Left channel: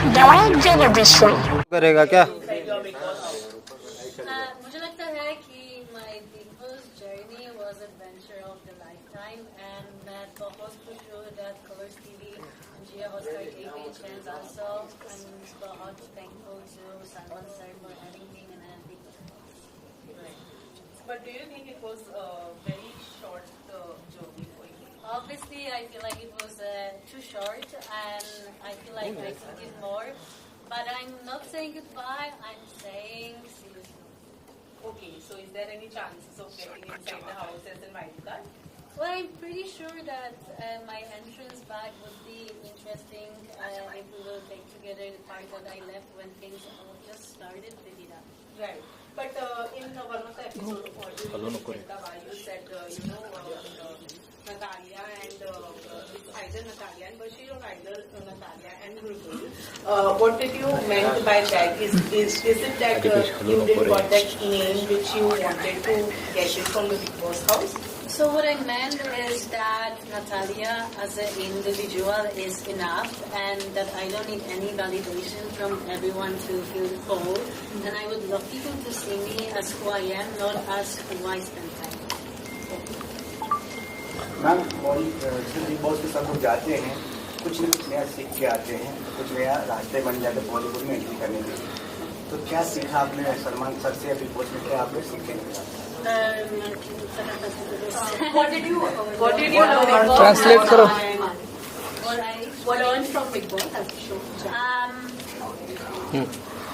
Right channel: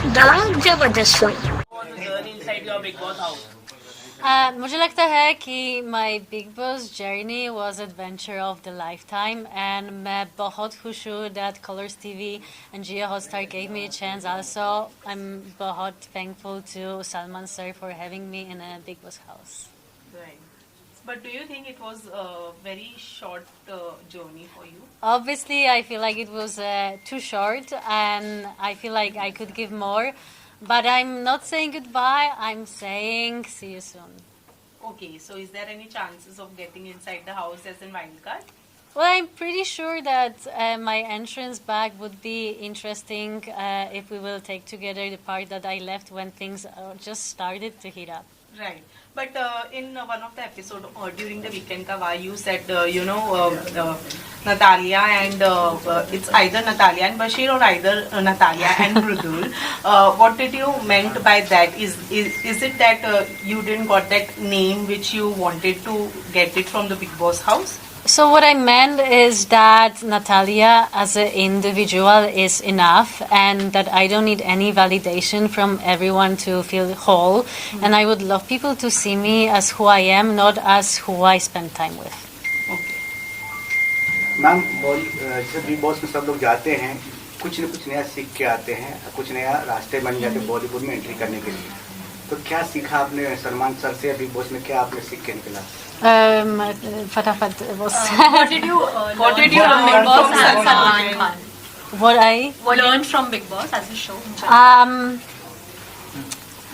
The जबरदस्त show करेगा क्या? मुझे लगता है कि माई big boss journey was adventure of the life time and मैं बहुत खुश हूँ that Colors TV and Jio Hotstar gave me a chance also. I'm बहुत thankful to Salman sir for having me in a Big Boss house. Right. But do you think it was a very short journey for you? Obviously, I feel like it was too short and I feel like I could give more. But I'm not saying goodbye, I'm saying see you soon. Okay, so is there any chances of getting inside the house as in wild card? Well, I'm pretty sure that my entrance back would be interesting if we will take together the part that I left when things just started to heat up. Right. But in one of the episode during the weekend Kawa, you said Natalia and it's either Natalia and Bashir or either Natalia and Mridul. What did you meant by that? Is it that you didn't got that name which you wanted to get it from the Big Boss house? So what I meant is that Natalia as an individual is enough and that I don't need any validation from everyone to feel whole. And I would love people to see me as who I am, not as who I spend time with. Ma'am जैसे big boss में सब लोग जाते हैं कुछ न कुछ नया सीख के आते हैं, कुछ नया रास्ते बन जाते हैं बॉलीवुड में एंट्री करने के लिए. तो क्या सीखा आपने सलमान सर से बिग बॉस में, क्या आपने सीख के निकला? फटाफट was What did you learn Big Boss? what I Learn from Big Boss as a show?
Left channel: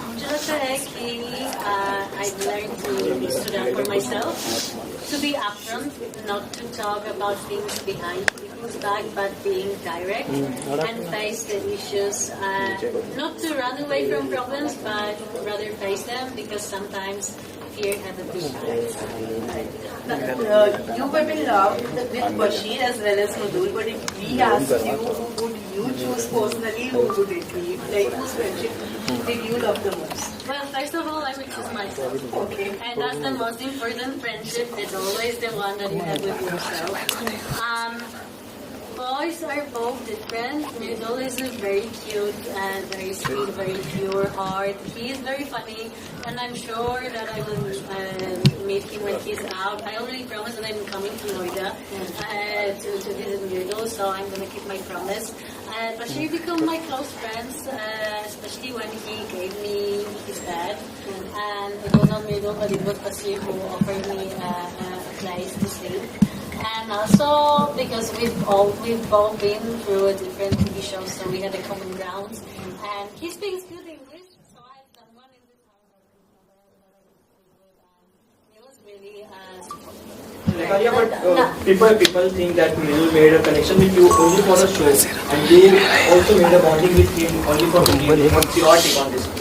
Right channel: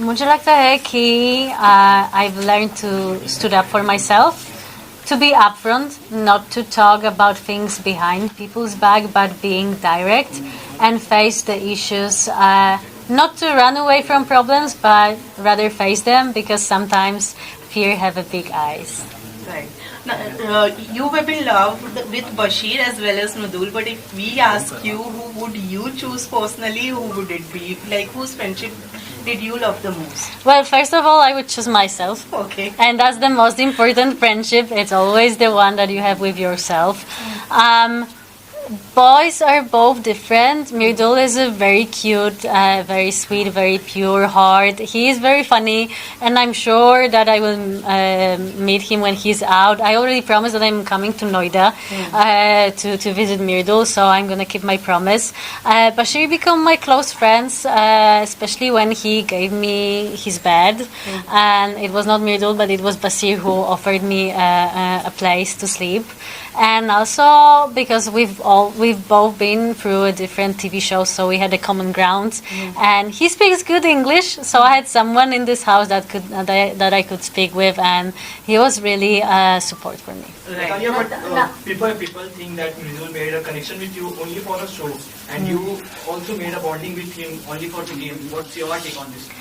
मुझे लगता है कि I've learned to stood up for myself, to be upfront, not to talk about things behind people's back, but being direct and face the issues. Not to run away from problems, but rather face them because sometimes fear have a big eyes. Right. Now, you have been loved with Bashir as well as Nadul, but if we ask you, who would you choose personally? Who would it be? Like, whose friendship did you love the most? Well, first of all, I would choose myself. Okay. And that's the most important friendship. It's always the one that you have with yourself. Boys are both different. Mirdul is a very cute, very sweet, very pure heart. He is very funny, and I'm sure that I will meet him when he's out. I already promised that I'm coming to Noida to visit Mirdul, so I'm gonna keep my promise. Bashir became my close friends, especially when he gave me his bed, and it was not Mirdul, but it was Basir who offered me a place to sleep. And also because we've both been through a different TV shows, so we had a common ground. And he speaks good English, so I had someone in this house that I could speak with, and he was really support for me. Natalia, but people think that Mridul made a connection with you only for the show, and you also made a bonding with him only for the game. What's your take on this?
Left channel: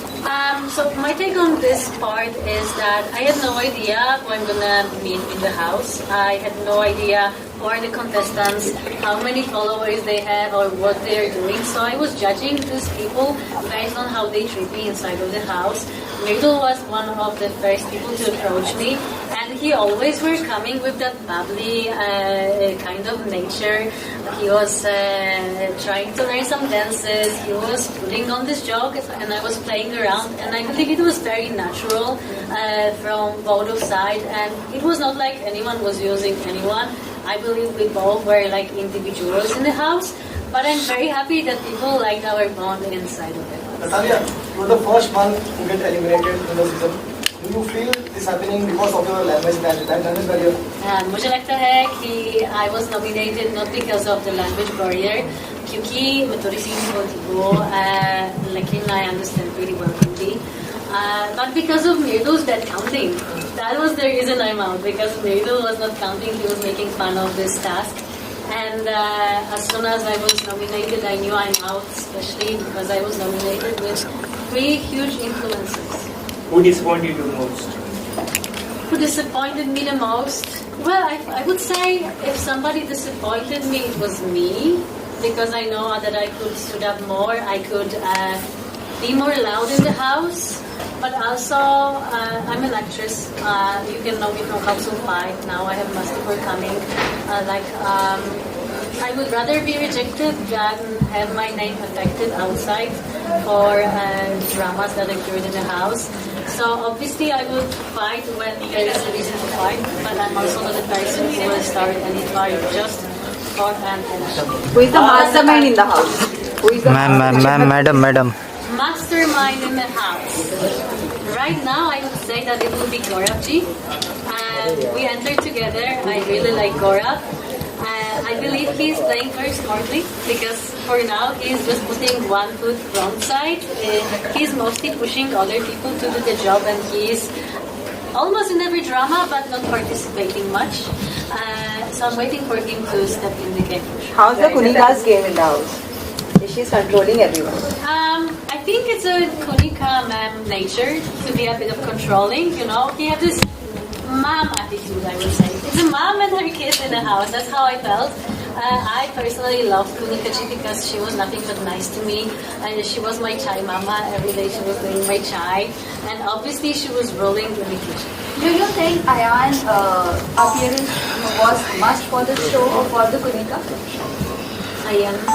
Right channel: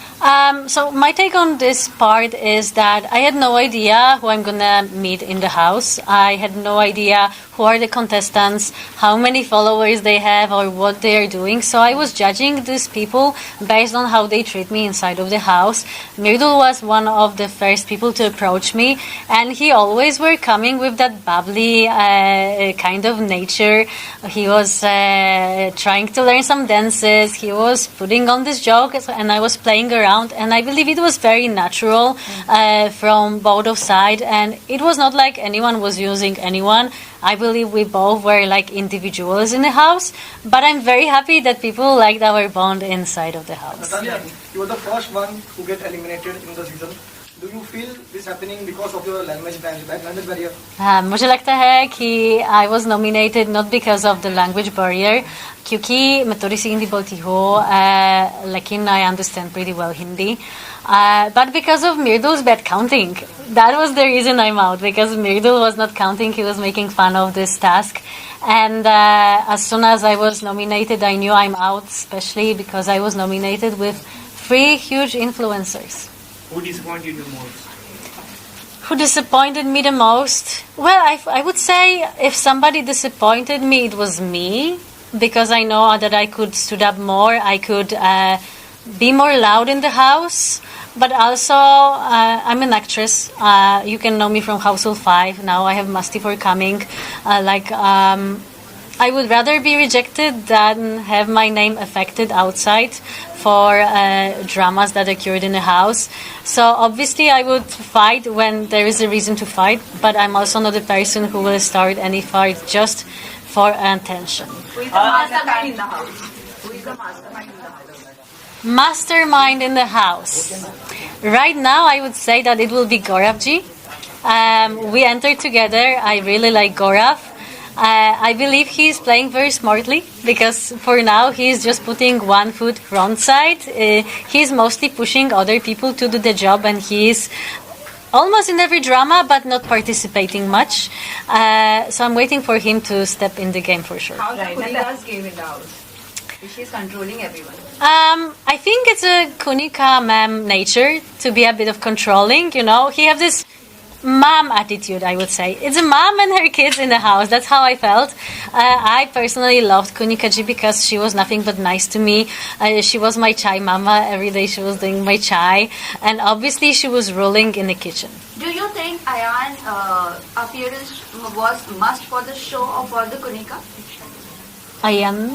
So my take on this part is that I had no idea who I'm gonna meet in the house. I had no idea who are the contestants, how many followers they have, or what they are doing. So I was judging these people based on how they treat me inside of the house. Mirdul was one of the first people to approach me, and he always were coming with that bubbly kind of nature. He was trying to learn some dances. He was putting on this joke, and I was playing around. And I believe it was very natural from both of sides, and it was not like anyone was using anyone. I believe we both were like individuals in the house, but I'm very happy that people liked our bond inside of the house. Natalia, you were the first one to get eliminated in the season. Do you feel this happening because of your language barrier? मुझे लगता है कि I was nominated not because of the language barrier, क्योंकि मैं थोड़ी सी हिंदी बोलती हूँ, लेकिन I understand pretty well Hindi, but because of Mirdul's bad counting. That was the reason I'm out, because Mirdul was not counting. He was making fun of this task. And as soon as I was nominated, I knew I'm out, especially because I was nominated with 3 huge influencers. Who disappointed you most? Who disappointed me the most? Well, I would say if somebody disappointed me, it was me, because I know that I could stood up more, I could be more loud in the house. But also, I'm an actress. You can know me from Household 5. Now I have Mastipur coming. I would rather be rejected than have my name affected outside for dramas that occurred in the house. So obviously I would fight when there is a reason to fight, but I'm also not a person who will start any fight just for attention. Who is the mastermind in the house? Who is the Madam. Mastermind in the house. Right now, I would say that it will be Gauravji. We entered together. I really like Gaurav. I believe he's playing very smartly because for now he's just putting one foot front side. He's mostly pushing other people to do the job, and he's almost in every drama but not participating much. So I'm waiting for him to step in the game for sure. How's the Kunika's game in the house? She's controlling everyone. I think it's a Kunika ma'am nature to be a bit of controlling, you know. He has this mom attitude, I would say. It's a mom and her kids in the house. That's how I felt. I personally loved Kunika ji because she was nothing but nice to me. She was my chai mama. Every day she was doing my chai. And obviously she was ruling in the kitchen. Do you think Ayan appearance was must for the show or for the Kunika? Ayan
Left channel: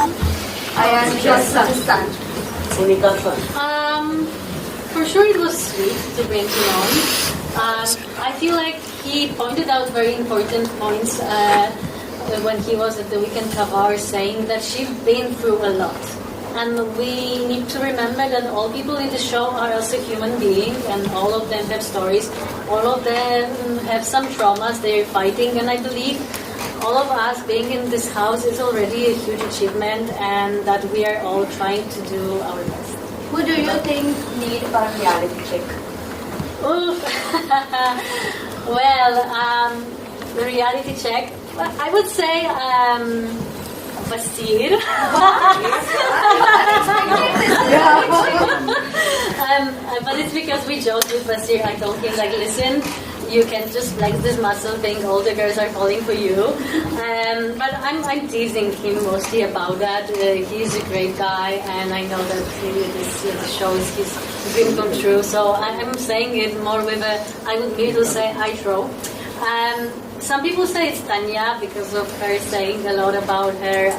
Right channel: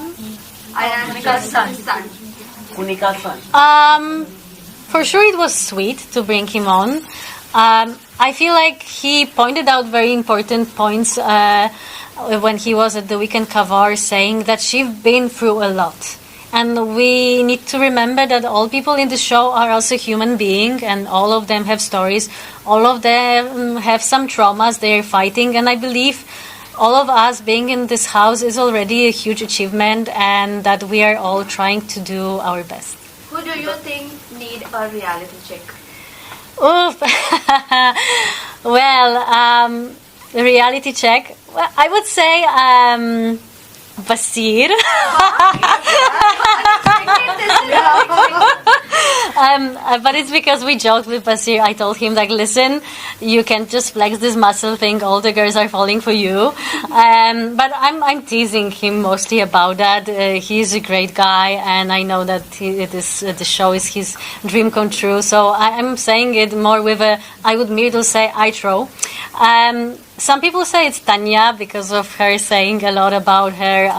because son. For sure it was sweet to bring him on. I feel like he pointed out very important points when he was at the Weekend Kavar, saying that she's been through a lot. And we need to remember that all people in the show are also human beings, and all of them have stories. All of them have some traumas they're fighting, and I believe all of us being in this house is already a huge achievement, and that we are all trying to do our best. Who do you think need a reality check? Oof. Well, the reality check. Well, I would say Basir. But it's because we joked with Basir. I told him, like, listen, you can just flex this muscle thing. All the girls are falling for you. But I'm teasing him mostly about that. He's a great guy, and I know that the show is his dream come true. So I'm saying it more with I would merely say I throw. Some people say it's Tanya because of her saying a lot about her,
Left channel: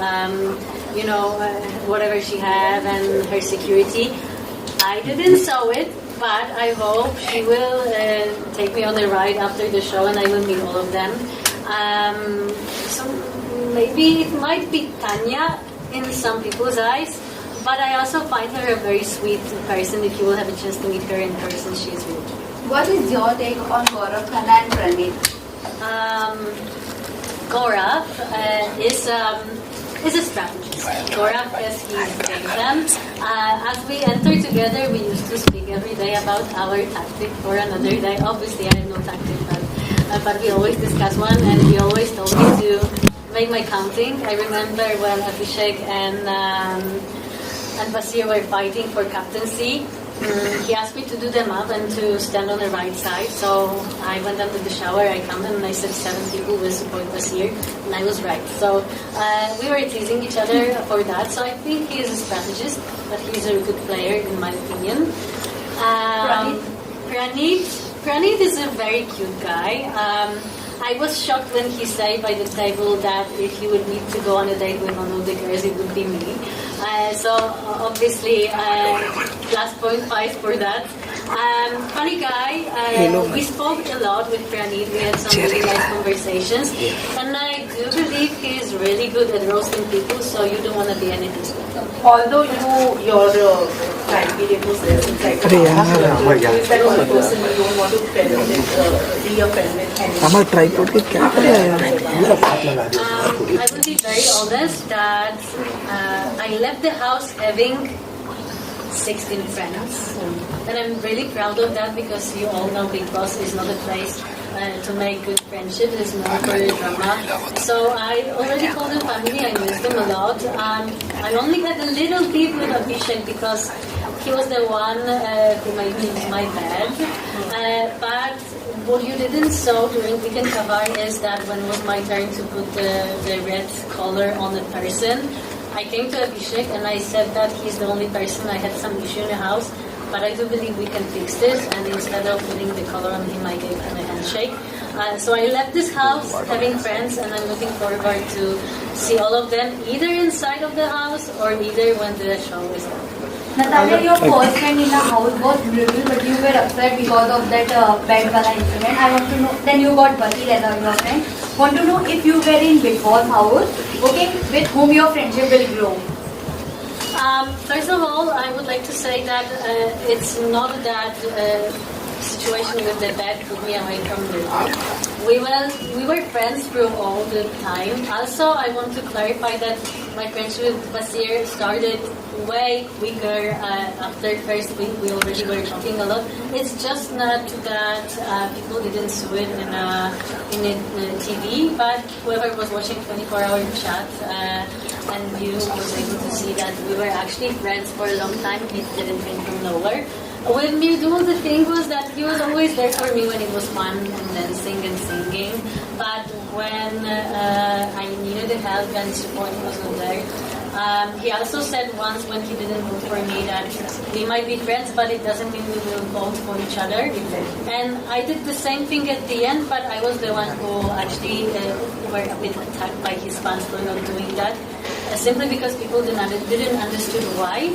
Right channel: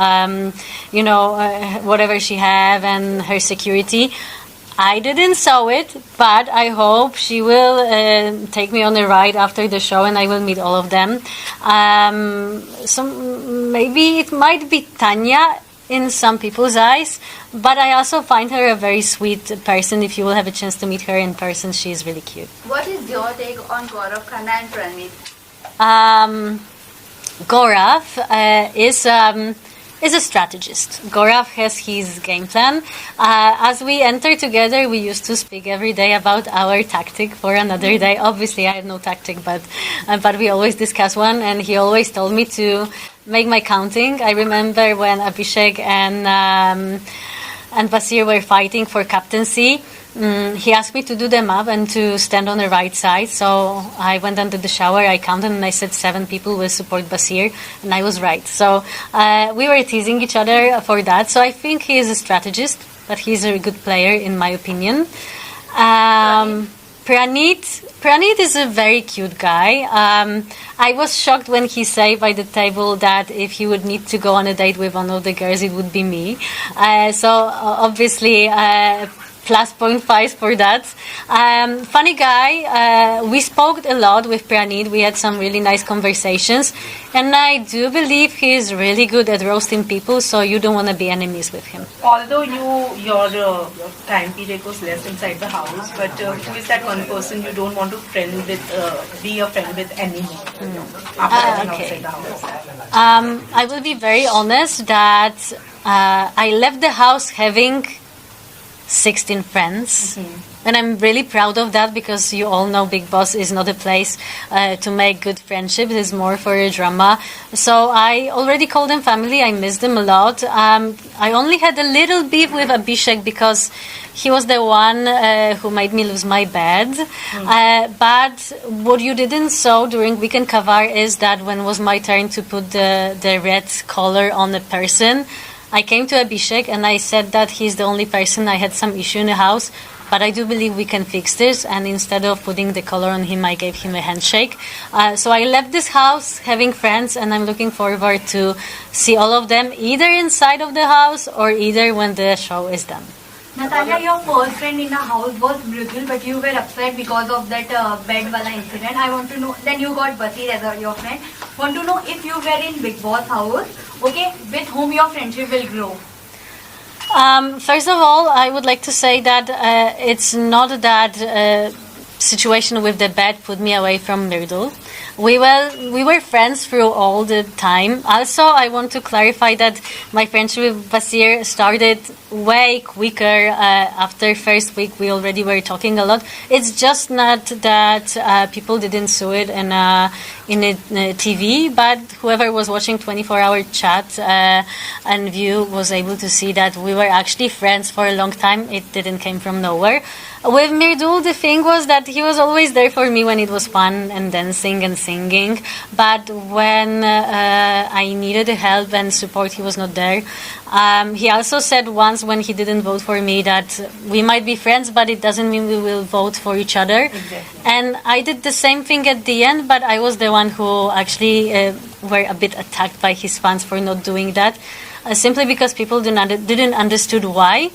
whatever she have and her security. I didn't saw it, but I hope she will take me on a ride after the show, and I will meet all of them. So maybe it might be Tanya in some people's eyes, but I also find her a very sweet person. If you will have a chance to meet her in person, she is really cute. What is your take on Gaurav Khanna and Praneet? Gaurav is a strategist. Gaurav has his game plan. As we enter together, we used to speak every day about our tactic for another day. Obviously, I have no tactic, but we always discuss one, and he always told me to make my counting. I remember when Abhishek and Basir were fighting for captaincy. He asked me to do them up and to stand on the right side. So I went under the shower, I counted, and I said 7 people will support Basir, and I was right. So we were teasing each other for that. So I think he is a strategist, but he's a good player in my opinion. Praneet is a very cute guy. I was shocked when he said by the table that if he would need to go on a date with one of the girls, it would be me. So obviously, +0.5 for that. Funny guy. We spoke a lot with Praneet. We had some really nice conversations. And I do believe he is really good at roasting people, so you don't want to be enemies with him. Although your time period was less inside the house, but is that one person you don't want to be a friend with anymore? I will be very honest that I left the house having 16 friends. And I'm really proud of that because you all know Big Boss is not a place to make good friendships. It's more for a drama. So I already call them family. I miss them a lot. I only had a little beef with Abhishek because he was the one who made me lose my bed. But what you didn't saw during Weekend Kavar is that when it was my turn to put the red color on the person, I came to Abhishek and I said that he's the only person I had some issue in the house. But I do believe we can fix this, and instead of putting the color on him, I gave him a handshake. So I left this house having friends, and I'm looking forward to see all of them either inside of the house or either when the show is done. Natalia, your first friend in the house was Mridul, but you were upset because of that bed wala incident. I want to know, then you got Basir as your friend. Want to know if you were in Big Boss house, okay, with whom your friendship will grow. First of all, I would like to say that it's not that situation with the bed put me away from Mridul. We were friends through all the time. Also, I want to clarify that my friendship with Basir started way quicker after first week. We already were talking a lot. It's just not that people didn't see it in TV, but whoever was watching 24-hour chat and view was able to see that we were actually friends for a long time. It didn't come from nowhere. With Mridul, the thing was that he was always there for me when it was fun and dancing and singing. But when I needed help and support, he was not there. He also said once when he didn't vote for me that we might be friends, but it doesn't mean we will vote for each other. And I did the same thing at the end, but I was the one who actually were a bit attacked by his fans for not doing that, simply because people didn't understood why.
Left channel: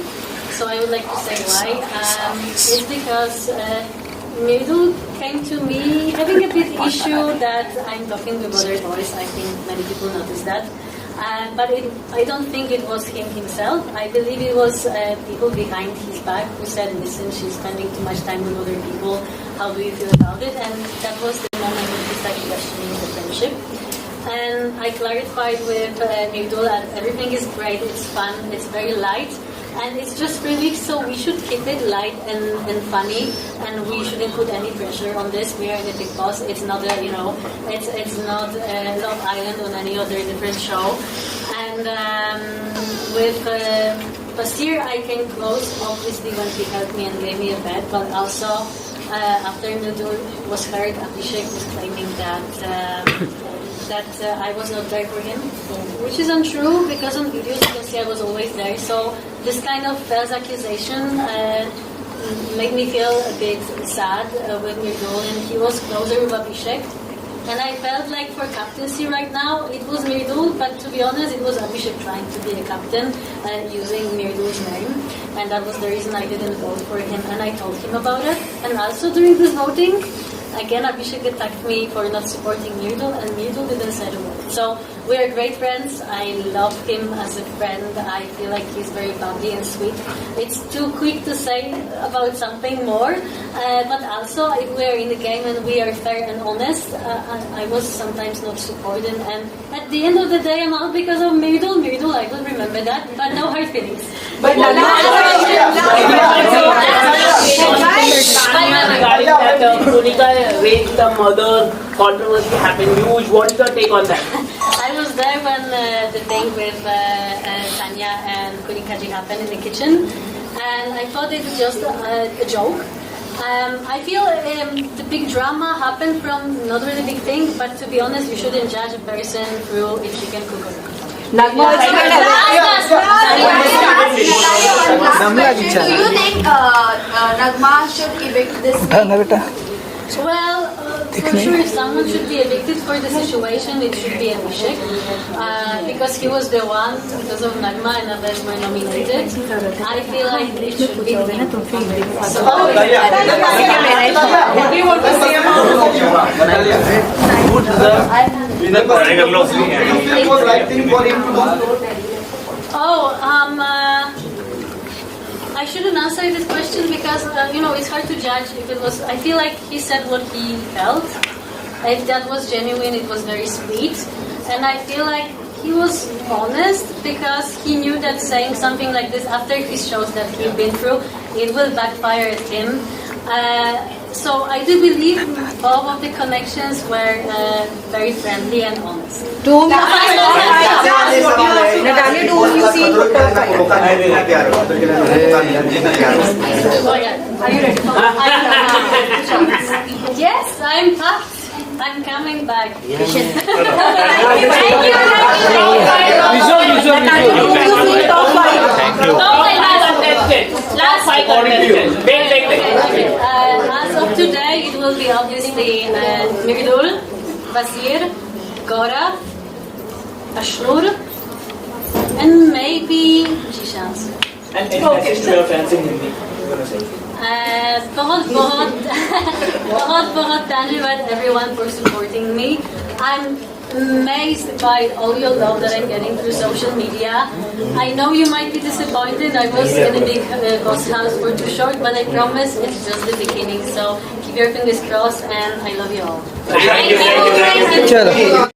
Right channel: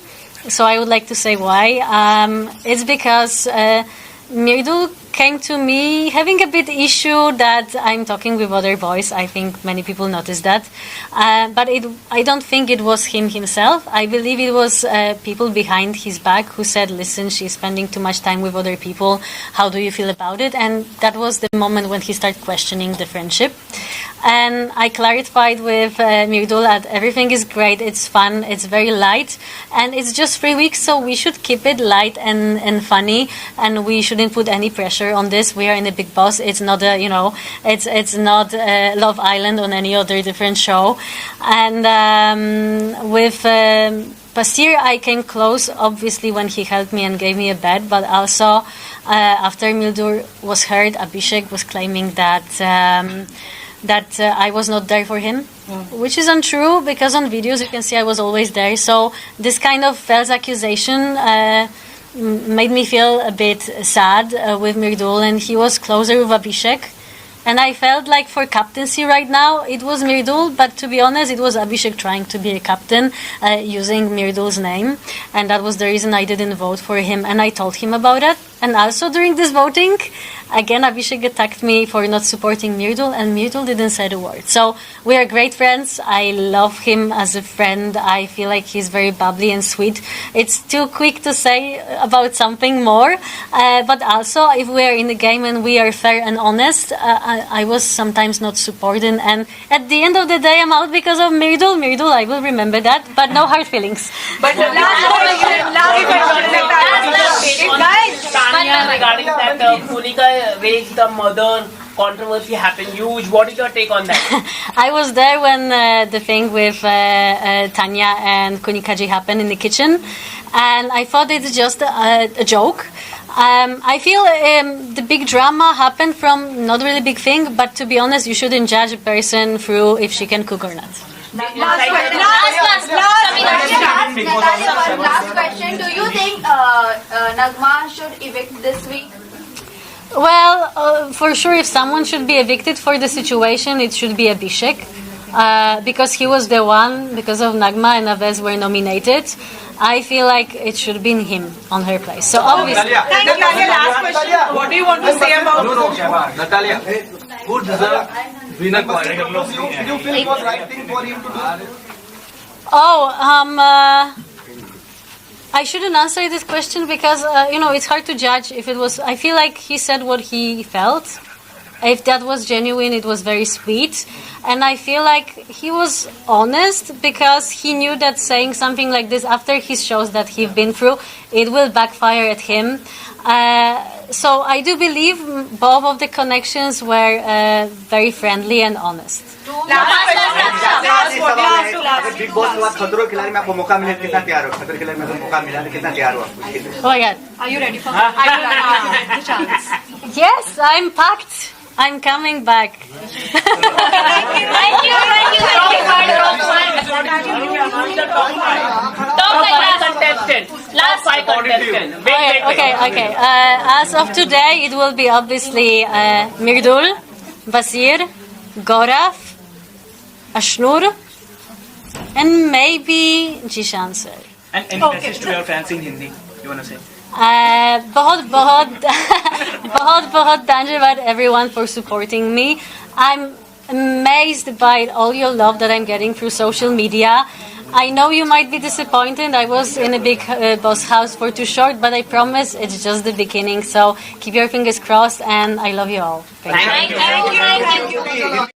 So I would like to say why. It's because Mridul came to me having a bit issue that I'm talking with other boys. I think many people noticed that. But I don't think it was him himself. I believe it was people behind his back who said, listen, she's spending too much time with other people. How do you feel about it? And that was the moment when he started questioning the friendship. And I clarified with Mridul that everything is great, it's fun, it's very light, and it's just 3 weeks, so we should keep it light and funny, and we shouldn't put any pressure on this. We are in a Big Boss. It's not a, it's not Love Island on any other different show. And with Basir, I came close, obviously, when he helped me and gave me a bed, but also after Mridul was heard, Abhishek was claiming that I was not there for him, which is untrue because on videos you can see I was always there. So this kind of false accusation made me feel a bit sad with Mridul, and he was closer with Abhishek. And I felt like for captaincy right now, it was Mridul, but to be honest, it was Abhishek trying to be a captain using Mridul's name. And that was the reason I didn't vote for him. And I told him about it. And also during this voting, again, Abhishek attacked me for not supporting Mridul, and Mridul didn't say a word. So we are great friends. I love him as a friend. I feel like he's very bubbly and sweet. It's too quick to say about something more. But also, if we are in the game and we are fair and honest, I was sometimes not supported. And at the end of the day, I'm out because of Mridul. Mridul, I will remember that, but no hard feelings. But Regarding that Monica raped the mother controversy happened, huge. What is your take on that? I was there when the thing with Tanya and Kunikaji happened in the kitchen, and I thought it's just a joke. I feel the big drama happened from not really big thing, but to be honest, you shouldn't judge a person through if she can cook or not. Last question. Do you think Nagma should evict this week? Well, for sure, if someone should be evicted for the situation, it should be Abhishek. Because he was the one, because of Nagma and Abez were nominated. I feel like it should be him on their place. So obviously... What do you want to say about Natalia, who deserves winner? It was right thing for him to go. I shouldn't answer this question because it's hard to judge if it was. I feel like he said what he felt. If that was genuine, it was very sweet, and I feel like he was honest because he knew that saying something like this after his shows that he'd been through, it will backfire at him. So I do believe both of the connections were very friendly and honest. Yes, I'm packed. I'm coming back. Okay. As of today, it will be obviously Mridul, Basir, Gaurav, Ashnur, and maybe Jishan sir. And any message to your fans in Hindi you want to say? बहुत बहुत बहुत बहुत धन्यवाद everyone for supporting me. I'm amazed by all your love that I'm getting through social media. I know you might be disappointed. I was in a big boss house for too short, but I promise it's just the beginning. So keep your fingers crossed, and I love you all. Thank you. चलो